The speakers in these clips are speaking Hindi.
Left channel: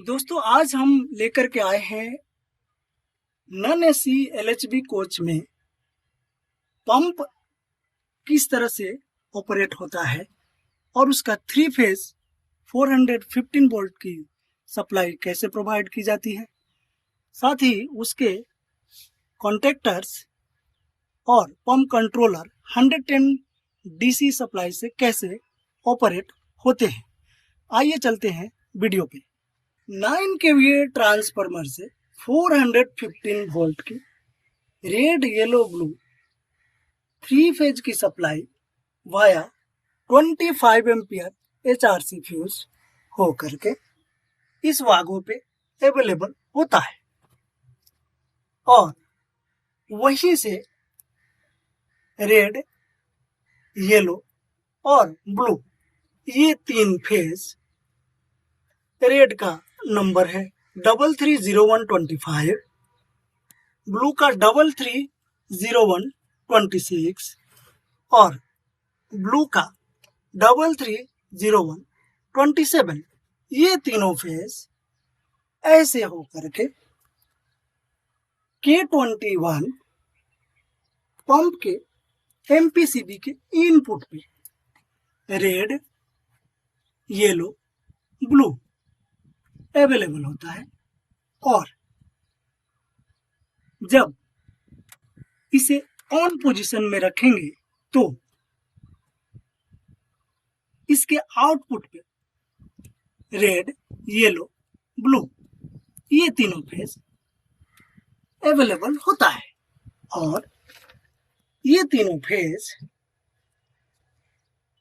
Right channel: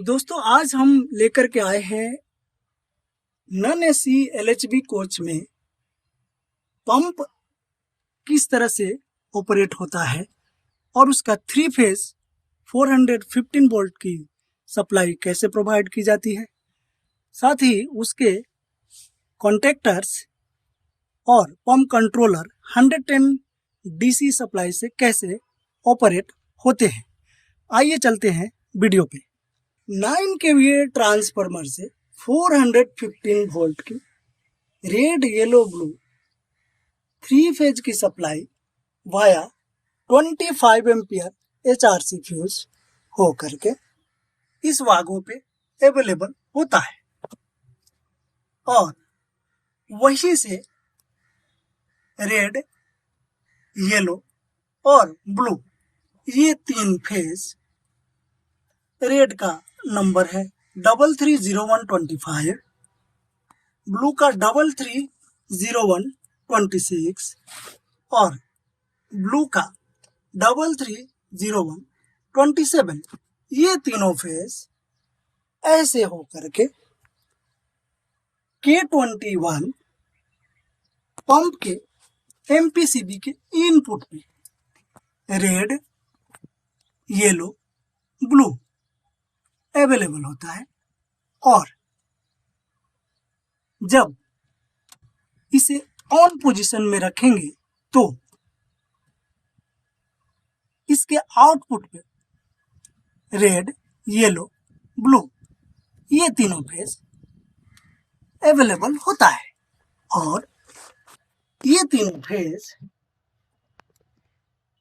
दोस्तों आज हम लेकर के आए हैं नॉन एसी एलएचबी कोच में पंप किस तरह से ऑपरेट होता है और उसका 3 फेज 415 वोल्ट की सप्लाई कैसे प्रोवाइड की जाती है, साथ ही उसके कॉन्टेक्टर्स और पंप कंट्रोलर 110 डीसी सप्लाई से कैसे ऑपरेट होते हैं। आइए चलते हैं वीडियो पे। 9 केवीए ट्रांसफार्मर से 415 वोल्ट की रेड येलो ब्लू 3 फेज की supply via 25 ampere HRC fuse हो करके इस वागों पे अवेलेबल होता है और वहीं से रेड, येलो और ब्लू ये 3 फेज, रेड का नंबर है 330125, ब्लू का 330126 और ब्लू का 330127। ये तीनों फेज ऐसे हो करके K21 पंप के MPCB के इनपुट पे रेड, येलो, ब्लू अवेलेबल होता है और जब इसे ऑन पोजीशन में रखेंगे तो इसके आउटपुट पे रेड, येलो, ब्लू ये तीनों फेज अवेलेबल होता है और ये तीनों फेज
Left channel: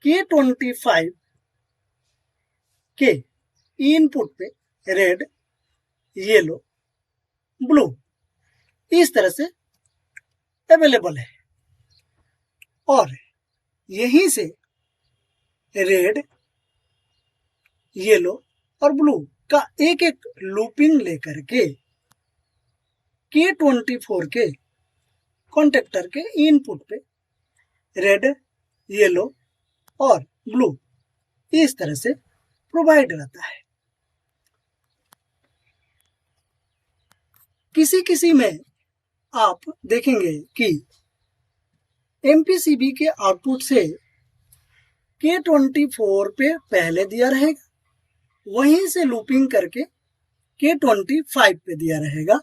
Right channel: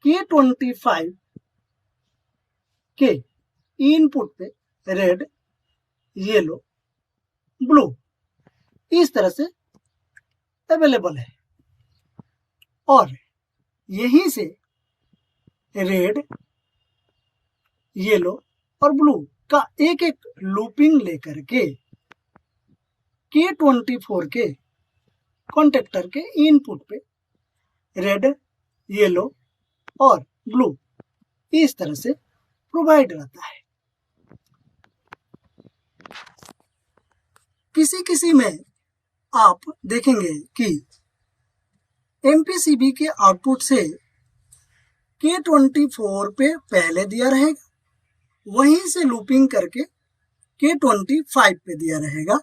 K25 के इनपुट पे रेड, येलो, ब्लू इस तरह से अवेलेबल है और यहीं से रेड, येलो और ब्लू का एक एक लूपिंग लेकर के K24 के कॉन्टेक्टर के इनपुट पे रेड, येलो और ब्लू इस तरह से प्रोवाइड रहता है। किसी में आप देखेंगे कि MPCB के आउटपुट से K24 पे पहले दिया रहेगा, वहीं से लूपिंग करके K25 पे दिया रहेगा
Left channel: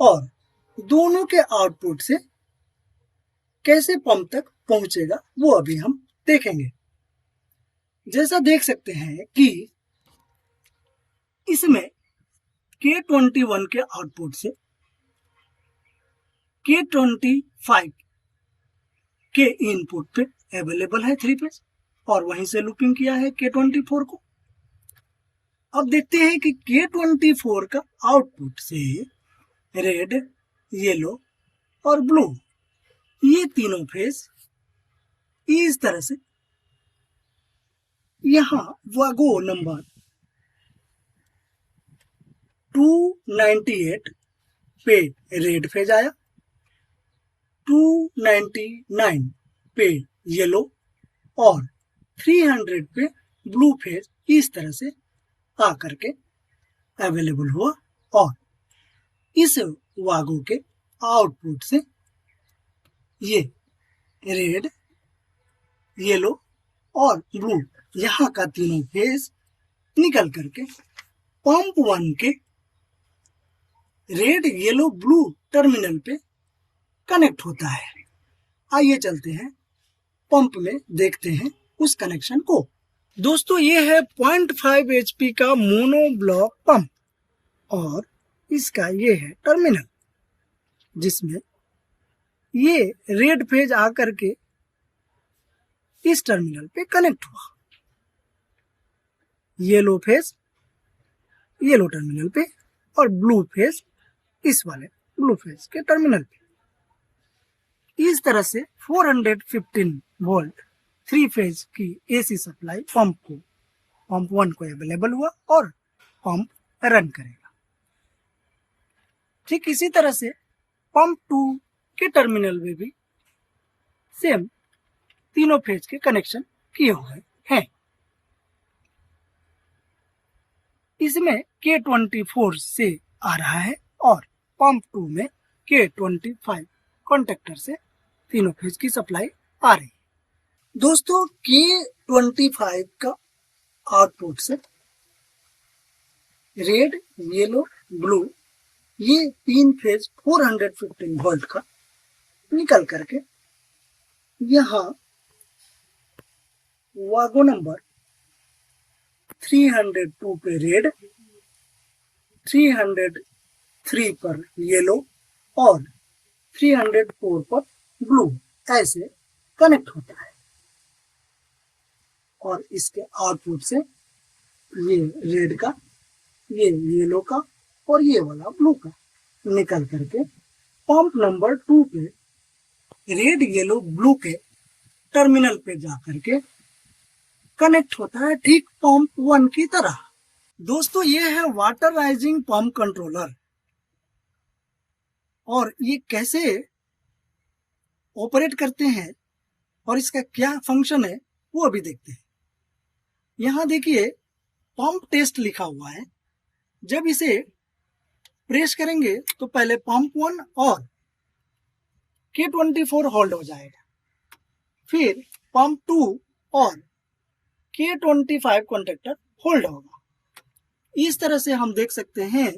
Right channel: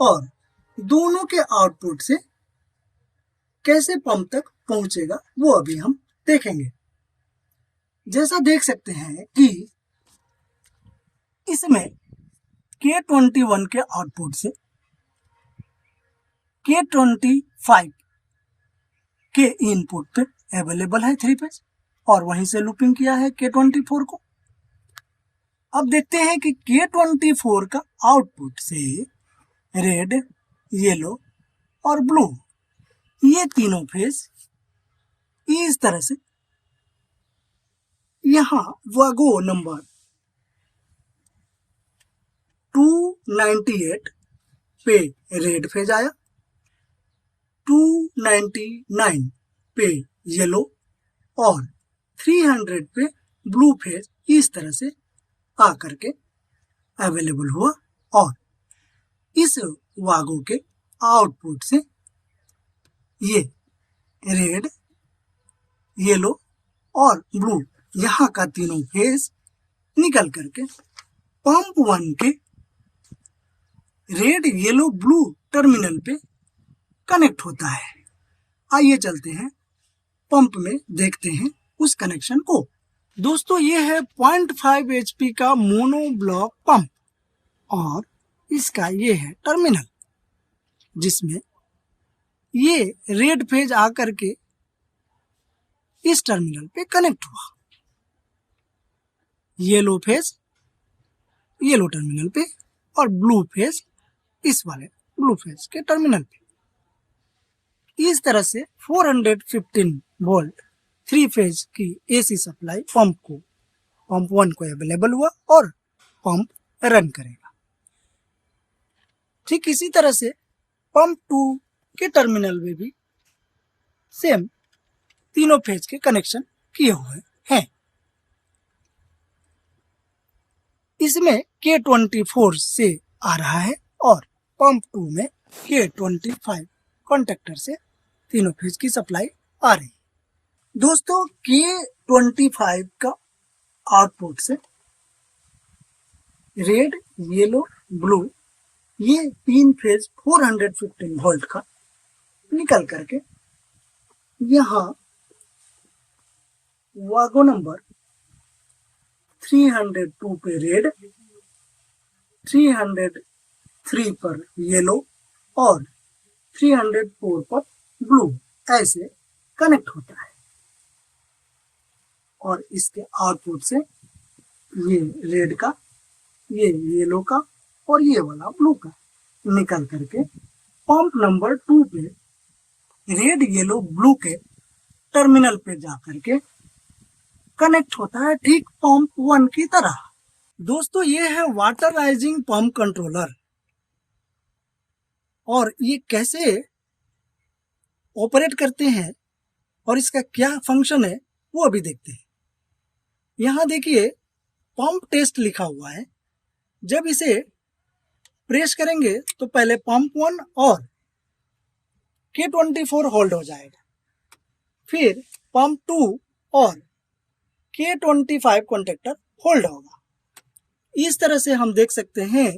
और दोनों के आउटपुट से कैसे पंप तक पहुंचेगा वो अभी हम देखेंगे। जैसा देख सकते हैं कि इसमें K21 के आउटपुट से K25 के इनपुट पे अवेलेबल है 3 फेज और वहीं से लूपिंग किया है K24 को। अब देखते हैं कि K24 का आउटपुट से रेड, येलो और ब्लू ये तीनों फेज इस तरह से यहाँ वागो नंबर 298 पे रेड फेज आया, 299 पे येलो और 300 पे ब्लू फेज इस तरह से आकर के अवेलेबल हुआ और इस वागो के आउटपुट से ये रेड, येलो और ब्लू यहाँ का तीनों फेज निकल करके पंप 1 के रेड, येलो, ब्लू टर्मिनल पे कनेक्ट होता है। आइए चलते हैं पंप में, देखते हैं उस कनेक्शन को। दोस्तों ये है 0.5 HP का मोनो ब्लॉक पंप और इसका ये है टर्मिनल जिसमें ये रेड फेज आकर के इस टर्मिनल पे कनेक्ट हुआ, येलो फेज येलो टर्मिनल पे और ब्लू फेज इस वाले ब्लू फेज के टर्मिनल पे। इस तरह से 415 वोल्ट 3 फेज की AC सप्लाई पंप 1 को अवेलेबल हुआ और पंप रन करेगा। ठीक इसी तरह से पंप 2 के टर्मिनल में भी सेम तीनों फेज के कनेक्शन किए हुए हैं। इसमें K24 से आ रहा है और पंप 2 में K25 कॉन्टेक्टर से तीनों फेज की सप्लाई आ रही है। दोस्तों K25 का आउटपुट से रेड, येलो, ब्लू ये तीन फेज 415 वोल्ट का निकल करके यहाँ वागो नंबर 302 पे रेड, 303 पर येलो और 304 पर ब्लू ऐसे कनेक्ट होता है और इसके आउटपुट से ये रेड का, ये येलो का और ये वाला ब्लू का निकल करके पंप नंबर 2 पे रेड, येलो, ब्लू के टर्मिनल पे जा करके कनेक्ट होता है ठीक पंप 1 की तरह। दोस्तों ये है वाटर राइजिंग पंप कंट्रोलर और ये कैसे ऑपरेट करते हैं और इसका क्या फंक्शन है वो अभी देखते हैं। यहाँ देखिए पंप टेस्ट लिखा हुआ है। जब इसे प्रेस करेंगे तो पहले पंप 1 और K24 होल्ड हो जाएगा, फिर पंप 2 और K25 कॉन्टेक्टर होल्ड होगा। इस तरह से हम देख सकते हैं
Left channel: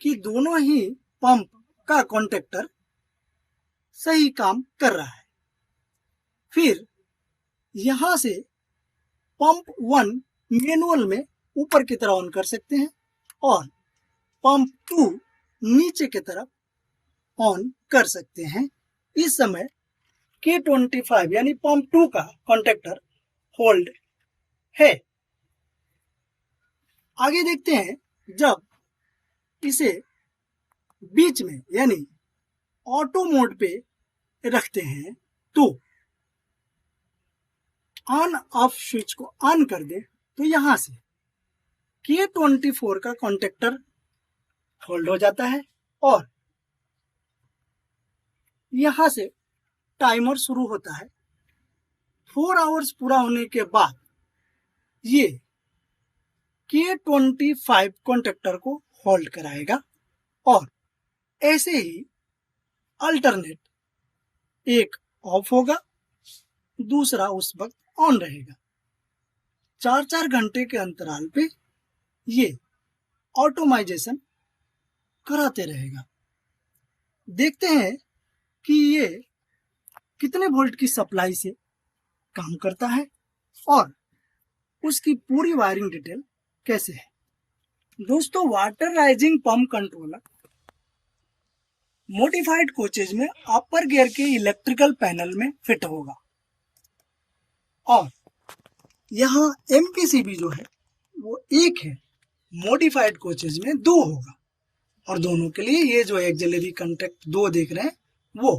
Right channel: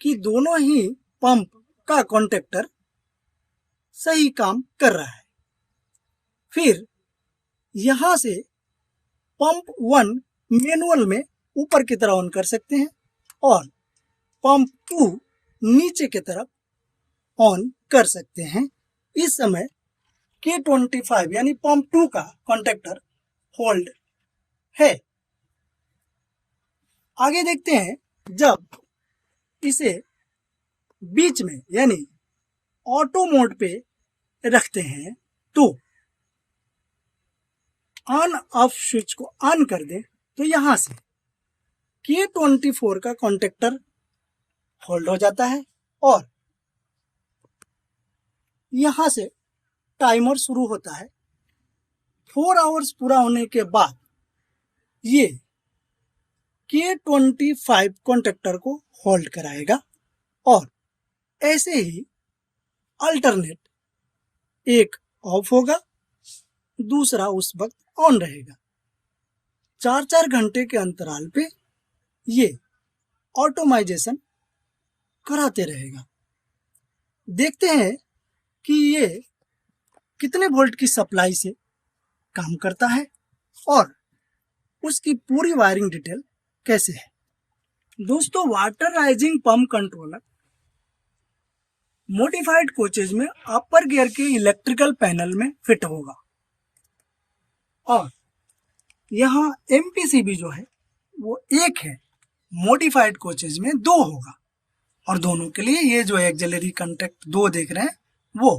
कि दोनों ही पंप का कॉन्टेक्टर सही काम कर रहा है। फिर यहां से पंप 1 मैनुअल में ऊपर की तरफ ऑन कर सकते हैं और पंप 2 नीचे की तरफ ऑन कर सकते हैं। इस समय K25 यानी पंप 2 का कॉन्टेक्टर होल्ड है। आगे देखते हैं, जब इसे बीच में यानी ऑटो मोड पे रखते हैं तो ऑन ऑफ स्विच को ऑन कर दें तो यहां से K24 का कॉन्टेक्टर होल्ड हो जाता है और यहां से टाइमर शुरू होता है। 4 आवर्स पूरा होने के बाद ये K25 कॉन्टेक्टर को होल्ड कराएगा और ऐसे ही अल्टरनेट, एक ऑफ होगा, दूसरा उस वक्त ऑन रहेगा। 4-4 घंटे के अंतराल पे ये ऑटोमाइजेशन कराते रहेगा। देखते हैं कि ये कितने वोल्ट की सप्लाई से काम करता है और उसकी पूरी वायरिंग डिटेल कैसे है। दोस्तों water rising pump controller modified coaches में अपर गियर के इलेक्ट्रिकल पैनल में फिट होगा और यहाँ एमपीसीबी जो है वो एक है, मॉडिफाइड कोचेज में 2 होगा और दोनों के लिए ये जो एक्सिलरी कॉन्टैक्ट 2 देख रहे हैं वो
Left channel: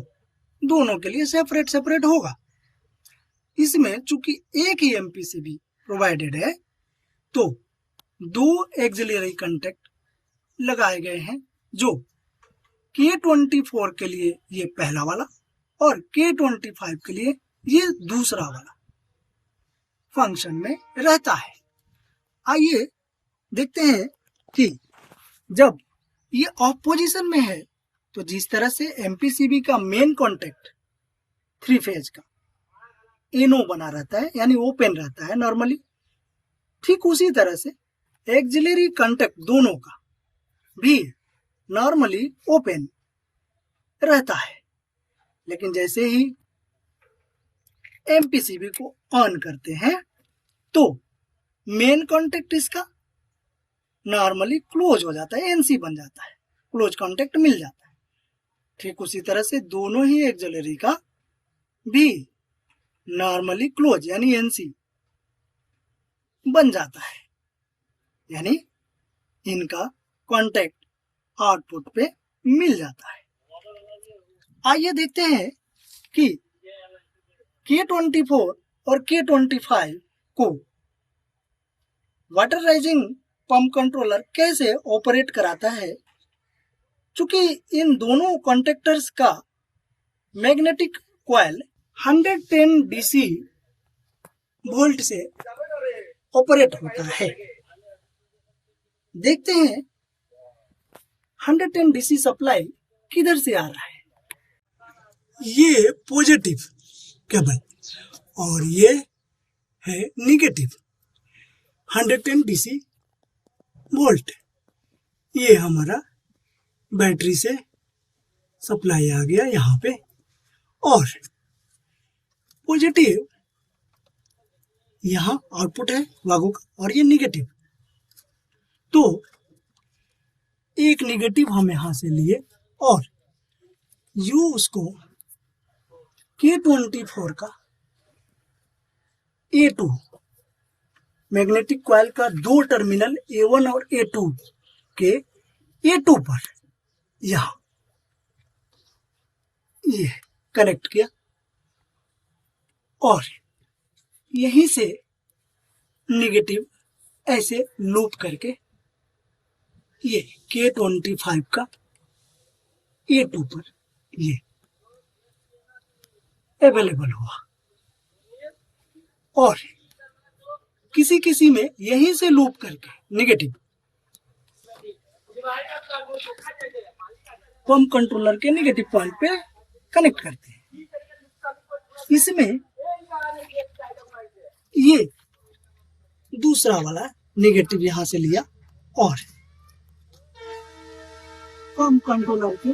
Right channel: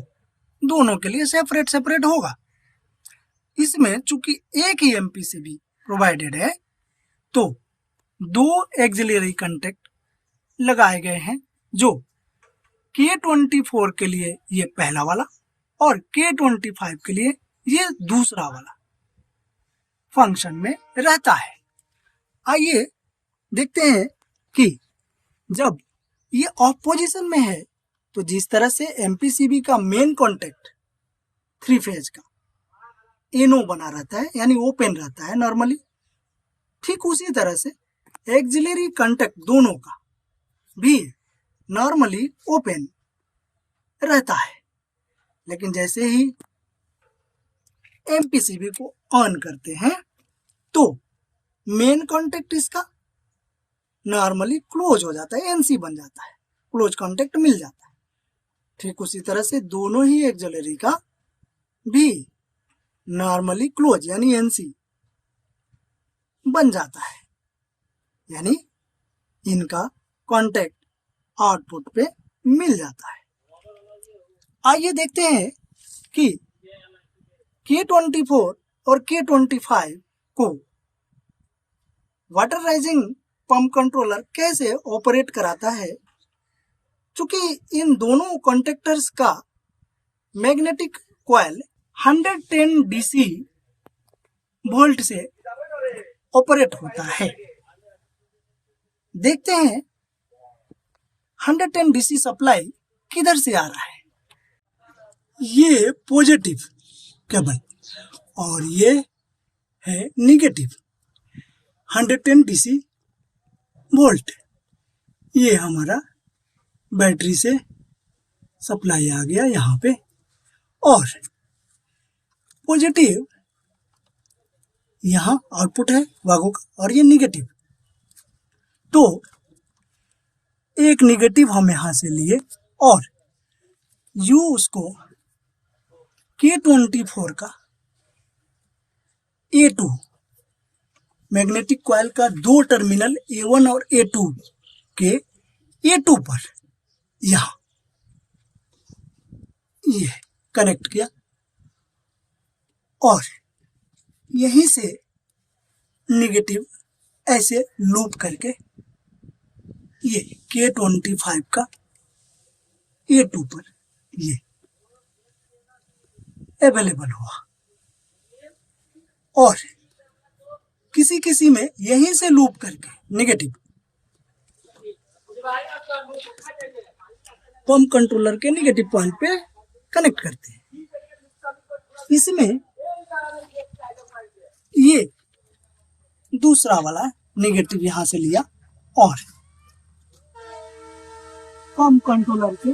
दोनों के लिए सेपरेट सेपरेट होगा। इसमें चूंकि एक ही एमपीसीबी प्रोवाइडेड है तो 2 एक्सिलरी कॉन्टैक्ट लगाए गए हैं, जो K24 के लिए ये पहला वाला और K25 के लिए ये दूसरा वाला फंक्शन में रहता है। आइए देखते हैं कि जब ये ऑफ पोजीशन में है तो जिस तरह से एमपीसीबी का मेन कॉन्टैक्ट 3 फेज का एनो बना रहता है यानी ओपन रहता है नॉर्मली, ठीक उसी तरह से एक्सिलरी कॉन्टैक्ट दोनों का भी नॉर्मली ओपन रहता है। लेकिन जैसे ही एमपीसीबी को ऑन करते हैं तो मेन कॉन्टैक्ट इसका नॉर्मली क्लोज हो जाता है, एनसी बन जाता है, क्लोज कॉन्टैक्ट मिल जाता है। ठीक उसी तरह से दोनों ही एक्सिलरी का भी नॉर्मली क्लोज यानी एनसी बन जाता है, यानी इनका कॉन्टैक्ट आउटपुट पे मिल जाता है। आइए देखते हैं कि K24 और K25 को वाटर राइजिंग पंप कंट्रोलर कैसे ऑपरेट कराता है। चूंकि इन दोनों कॉन्टैक्टर्स का मैग्नेटिक कॉइल 110 डीसी वोल्ट से ऑपरेट होता है। देखते हैं 110 डीसी सप्लाई किधर से आ रहा है। ये पॉजिटिव केबल और ये है निगेटिव 110 डीसी वोल्ट। ये हमारा बैटरी से सप्लाई आ गया यहाँ पे, और पॉजिटिव यहाँ आउटपुट है वागो का, और ये निगेटिव। तो एक निगेटिव हम यहाँ से लिए और यू उसको K24 का A2 मैग्नेटिक कॉइल का दो टर्मिनल A1 और A2 के A2 पर यहाँ ये कनेक्ट किया, और यहीं से निगेटिव ऐसे लूप करके ये K25 का A2 पर ये अवेलेबल हुआ, और किसी किसी में यहीं से लूप करके निगेटिव पंप कंट्रोलर के निगेटिव पॉइंट पे कनेक्ट करते हैं। इसमें ये दूसरा वाला निगेटिव यहां से लिया और पंप कंट्रोलर के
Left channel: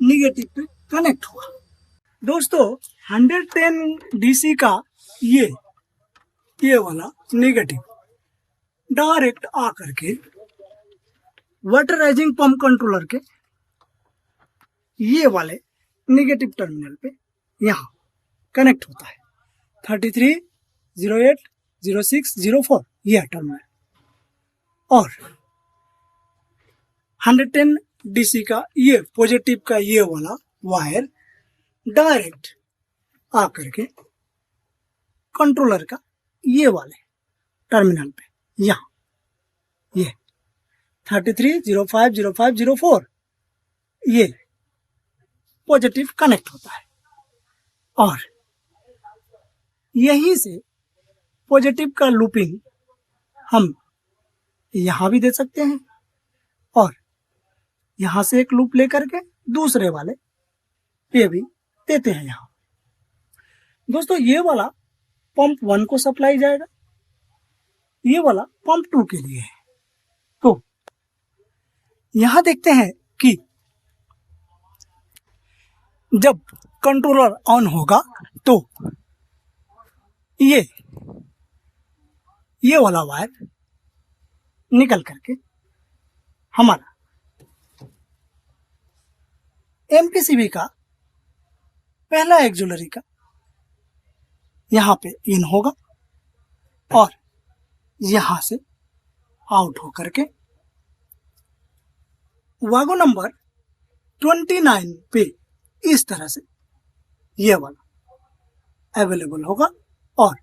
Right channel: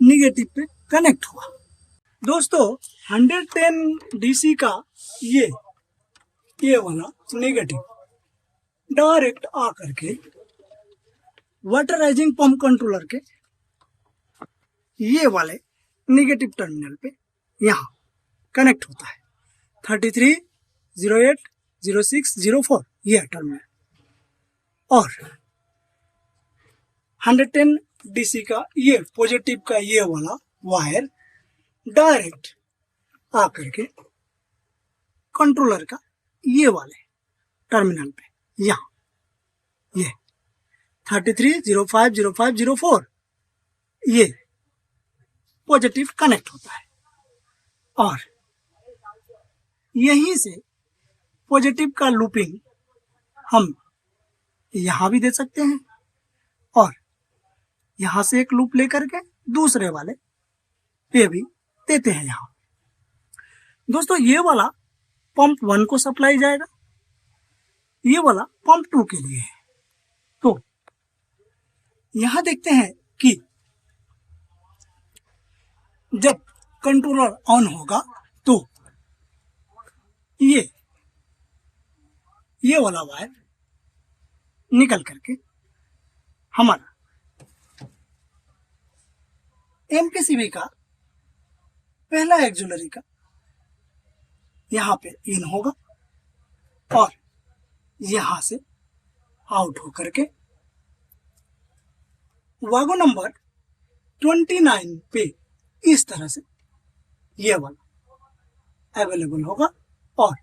निगेटिव पे कनेक्ट हुआ। दोस्तों 110 डीसी का ये वाला नेगेटिव डायरेक्ट आ करके वाटराइजिंग पंप कंट्रोलर के ये वाले नेगेटिव टर्मिनल पे यहाँ कनेक्ट होता है। 33, 08, 06, 04 ये टर्मिनल, और 110 डीसी का ये पॉजिटिव का ये वाला वायर डायरेक्ट आकर के कंट्रोलर का ये वाले टर्मिनल पे यहाँ ये 33, 05, 05, 04 ये पॉजिटिव कनेक्ट होता है, और यहीं से पॉजिटिव का लूपिंग हम यहाँ भी दे सकते हैं, और यहाँ से एक लूप लेकर के दूसरे वाले पे भी देते हैं। यहाँ दोस्तों ये वाला पंप 1 को सप्लाई जाएगा, ये वाला पंप 2 के लिए है। तो यहाँ देखते हैं कि जब कंट्रोलर ऑन होगा तो ये वाला वायर निकल करके हमारा एमपीसीबी का पहला एक्जुलरी का यहाँ पे इन होगा, और यहाँ से आउट होकर के वागो नंबर 29 पे इस तरह से ये वाला अवेलेबल होगा, और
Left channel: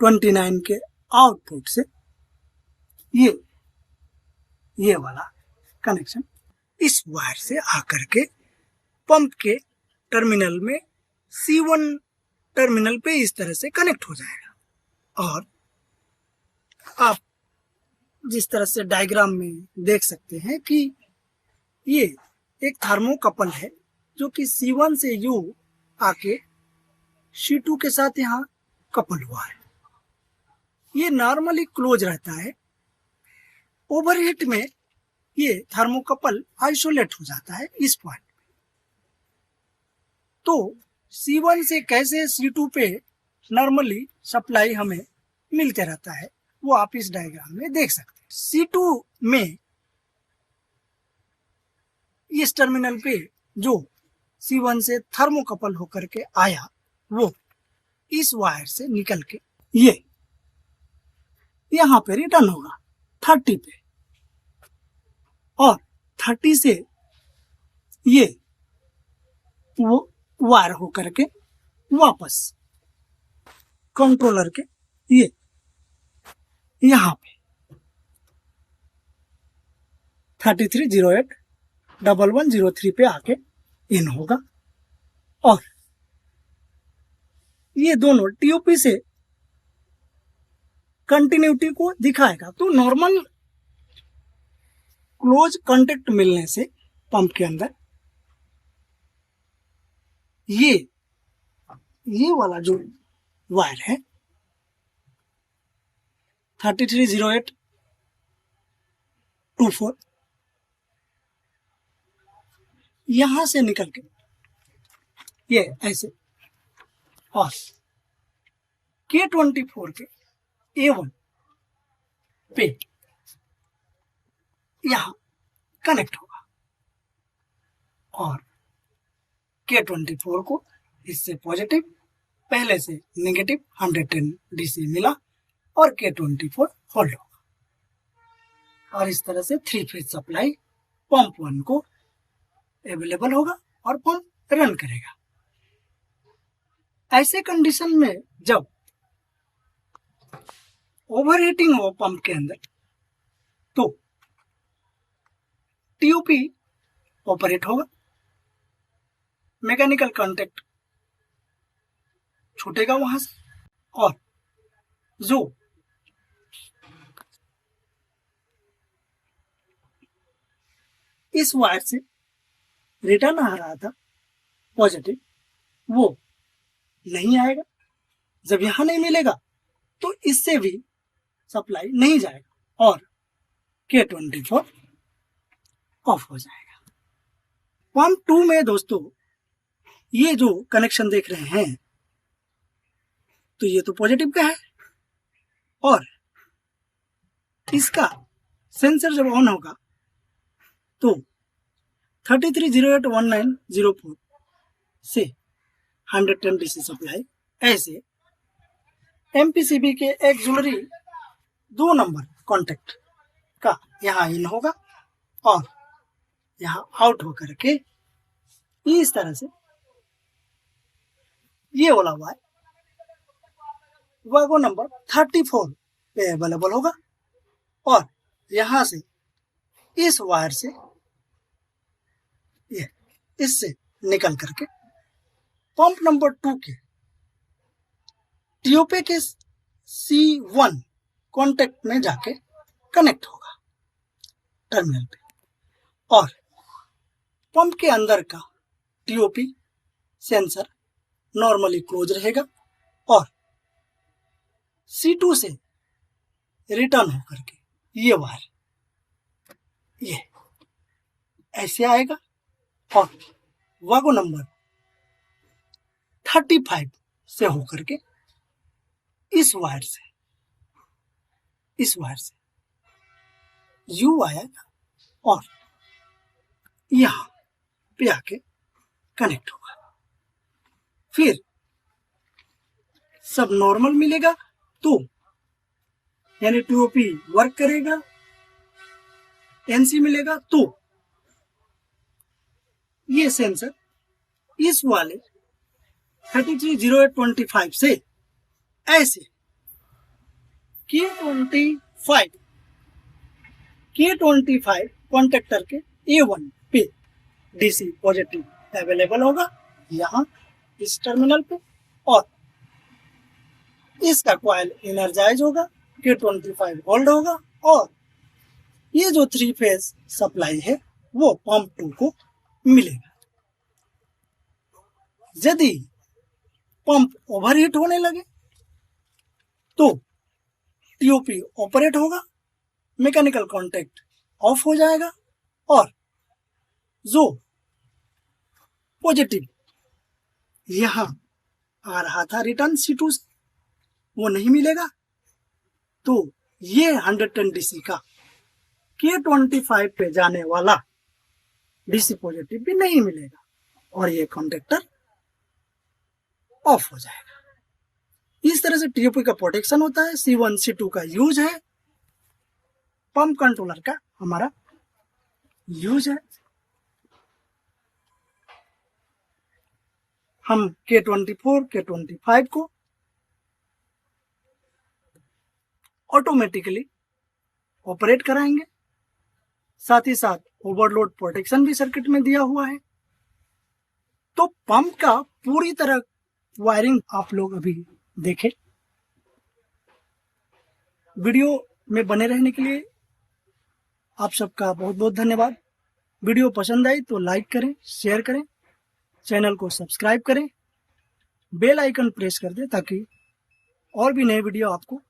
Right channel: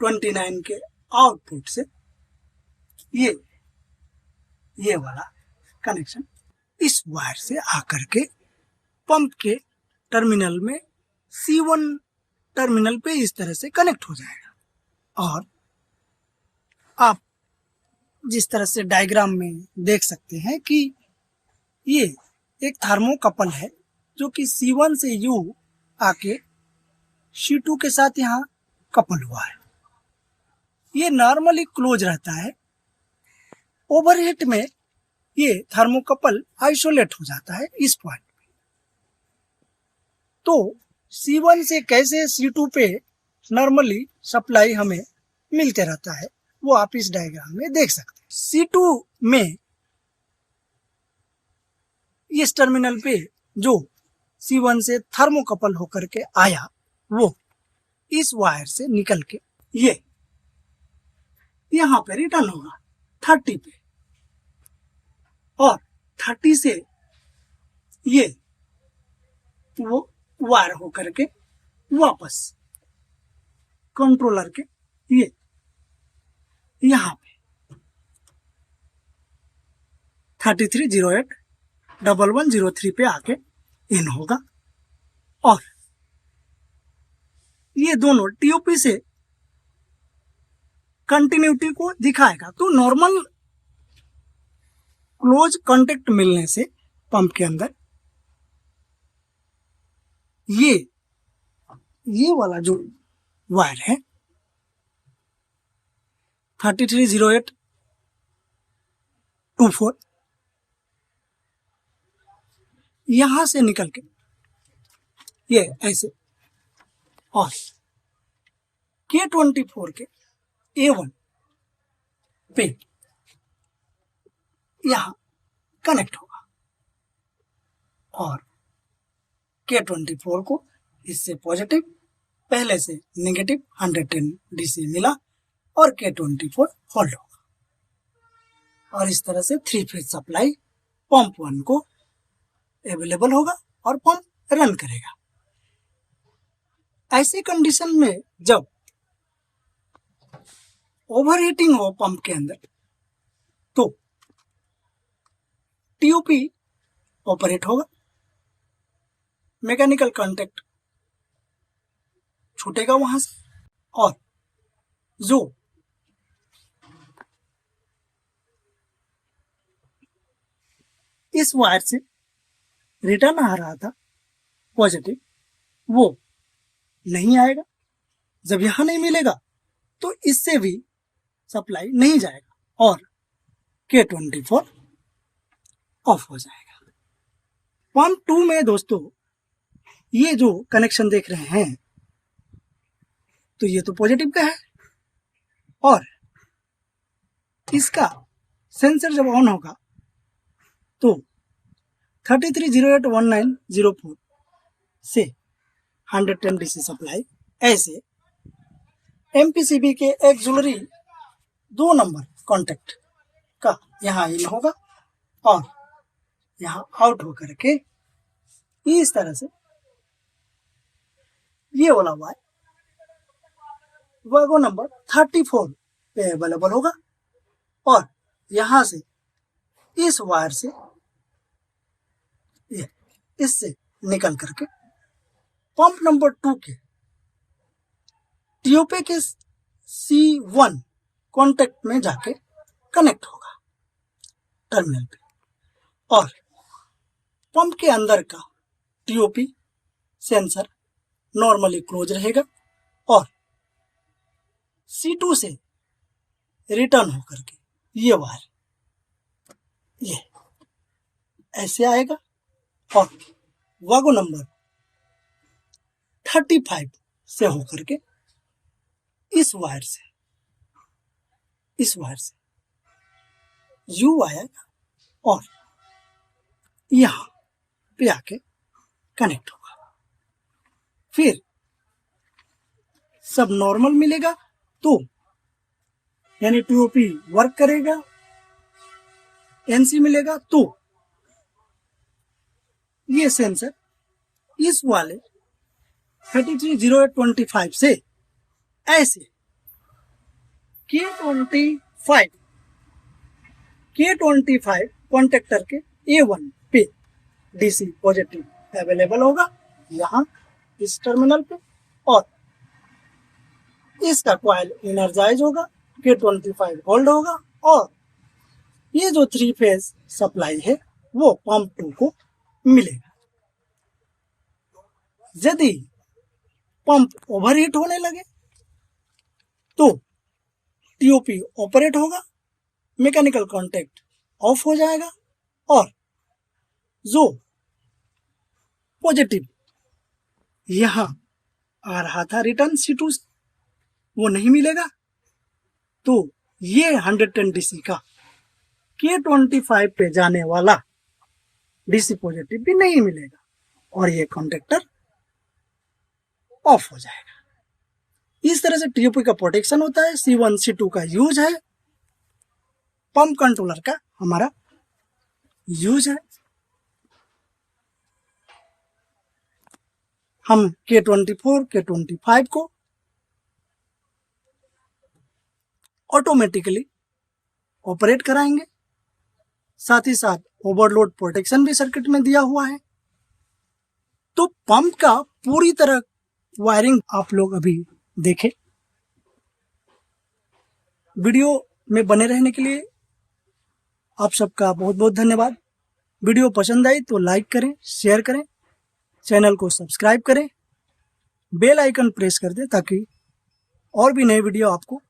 29 के आउटपुट से ये वाला कनेक्शन इस वायर से आकर के पंप के टर्मिनल में C1 टर्मिनल पे इस तरह से कनेक्ट हो जाएगा। और आप जिस तरह से डायग्राम में देख सकते हैं कि ये एक थर्मोकपल है जो कि C1 से U आके C2 के साथ यहाँ कपल हुआ है। ये नॉर्मली क्लोज रहता है, ओवरहीट में ये थर्मोकपल आइसोलेट हो जाता है इस पॉइंट पे। तो C1 से कैसे C2 पे नॉर्मली सप्लाई हमें मिलते रहता है वो आप इस डायग्राम में देख सकते हैं। C2 में इस टर्मिनल पे जो C1 से थर्मोकपल होकर के आया वो इस वायर से निकल के ये यहाँ पे रिटर्न होगा 30 पे, और 30 से ये वो वायर होकर के वापस कंट्रोलर के ये यहाँ पे 3308 1103 पे आके इन होगा, और ये दोनों टीओपी से कंटिन्यूटी को दिखाएगा। तो नॉर्मल क्लोज कांटेक्ट मिलने से पंप के अंदर ये वाला जो वायर है 330824 यहां से निकल के ये ऐसे और K24 के A1 पे यहां कनेक्ट होगा और K24 को इससे पॉजिटिव पहले से नेगेटिव 110 DC मिला और K24 होल्ड होगा और इस तरह से 3 फेज सप्लाई पंप 1 को अवेलेबल होगा और पंप रन करेगा। ऐसे कंडीशन में जब ओवरहीटिंग हो पंप के अंदर तो टीओपी ऑपरेट होगा, मैकेनिकल कांटेक्ट छूटेगा वहां से और जो इस वायर से रिटर्न आ रहा था पॉजिटिव वो नहीं आएगा। जब यहां नहीं मिलेगा तो इससे भी सप्लाई नहीं जाएगा और K24 ऑफ हो जाएगा। पंप 2 में दोस्तों ये जो कनेक्शन देख रहे हैं तो ये तो पॉजिटिव का है और इसका सेंसर जब ऑन होगा तो 33081904 से 110 DC सप्लाई ऐसे MPCB के एक्सिलरी 2 नंबर कॉन्टेक्ट का यहाँ इन होगा और यहाँ आउट होकर के इस तरह से ये वाला वायर वागो नंबर 34 पे अवेलेबल होगा और यहां से इस वायर से ये इससे निकल करके पंप नंबर 2 के टीओपी के C1 कॉन्टेक्ट में जाके कनेक्ट होगा टर्मिनल पे और पंप के अंदर का टीओपी सेंसर नॉर्मली क्लोज रहेगा और C2 से रिटर्न होकर के ये वायर ये ऐसे आएगा और वागो नंबर 35 से होकर के इस वायर से यू आएगा और यहां पे आके कनेक्ट होगा। फिर सब नॉर्मल मिलेगा तो यानी टीओपी वर्क करेगा, एनसी मिलेगा तो ये सेंसर इस वाले 330825 से ऐसे K25 कॉन्टेक्टर के A1 पे DC पॉजिटिव अवेलेबल होगा यहाँ इस टर्मिनल पे और इसका कॉइल एनर्जाइज होगा, K25 होल्ड होगा और ये जो 3 फेज सप्लाई है वो पंप 2 को मिलेगा। यदि पंप ओवरहीट होने लगे तो टीओपी ऑपरेट होगा, मैकेनिकल कांटेक्ट ऑफ हो जाएगा और जो पॉजिटिव यहां आ रहा था रिटर्न C2 से वो नहीं मिलेगा तो ये 110 DC का K25 पे जाने वाला DC पॉजिटिव भी नहीं मिलेगा और ये कॉन्टेक्टर ऑफ हो जाएगा। इस तरह से टीओपी का प्रोटेक्शन होता है। C1 C2 का यूज है, पंप कंट्रोलर का हमारा यूज है। हम K24 K25 को ऑटोमेटिकली ऑपरेट कराएंगे, साथ ही साथ ओवरलोड प्रोटेक्शन भी सर्किट में दिया हुआ है। तो पंप का पूरी तरह वायरिंग आप लोग अभी देखें। वीडियो में बने रहने के लिए आप सबका बहुत बहुत धन्यवाद। वीडियो पसंद आई तो लाइक करें, शेयर करें, चैनल को सब्सक्राइब करें, बेल आइकन प्रेस कर दें ताकि और भी नए वीडियो आपको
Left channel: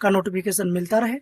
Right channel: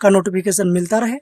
का नोटिफिकेशन मिलता रहे।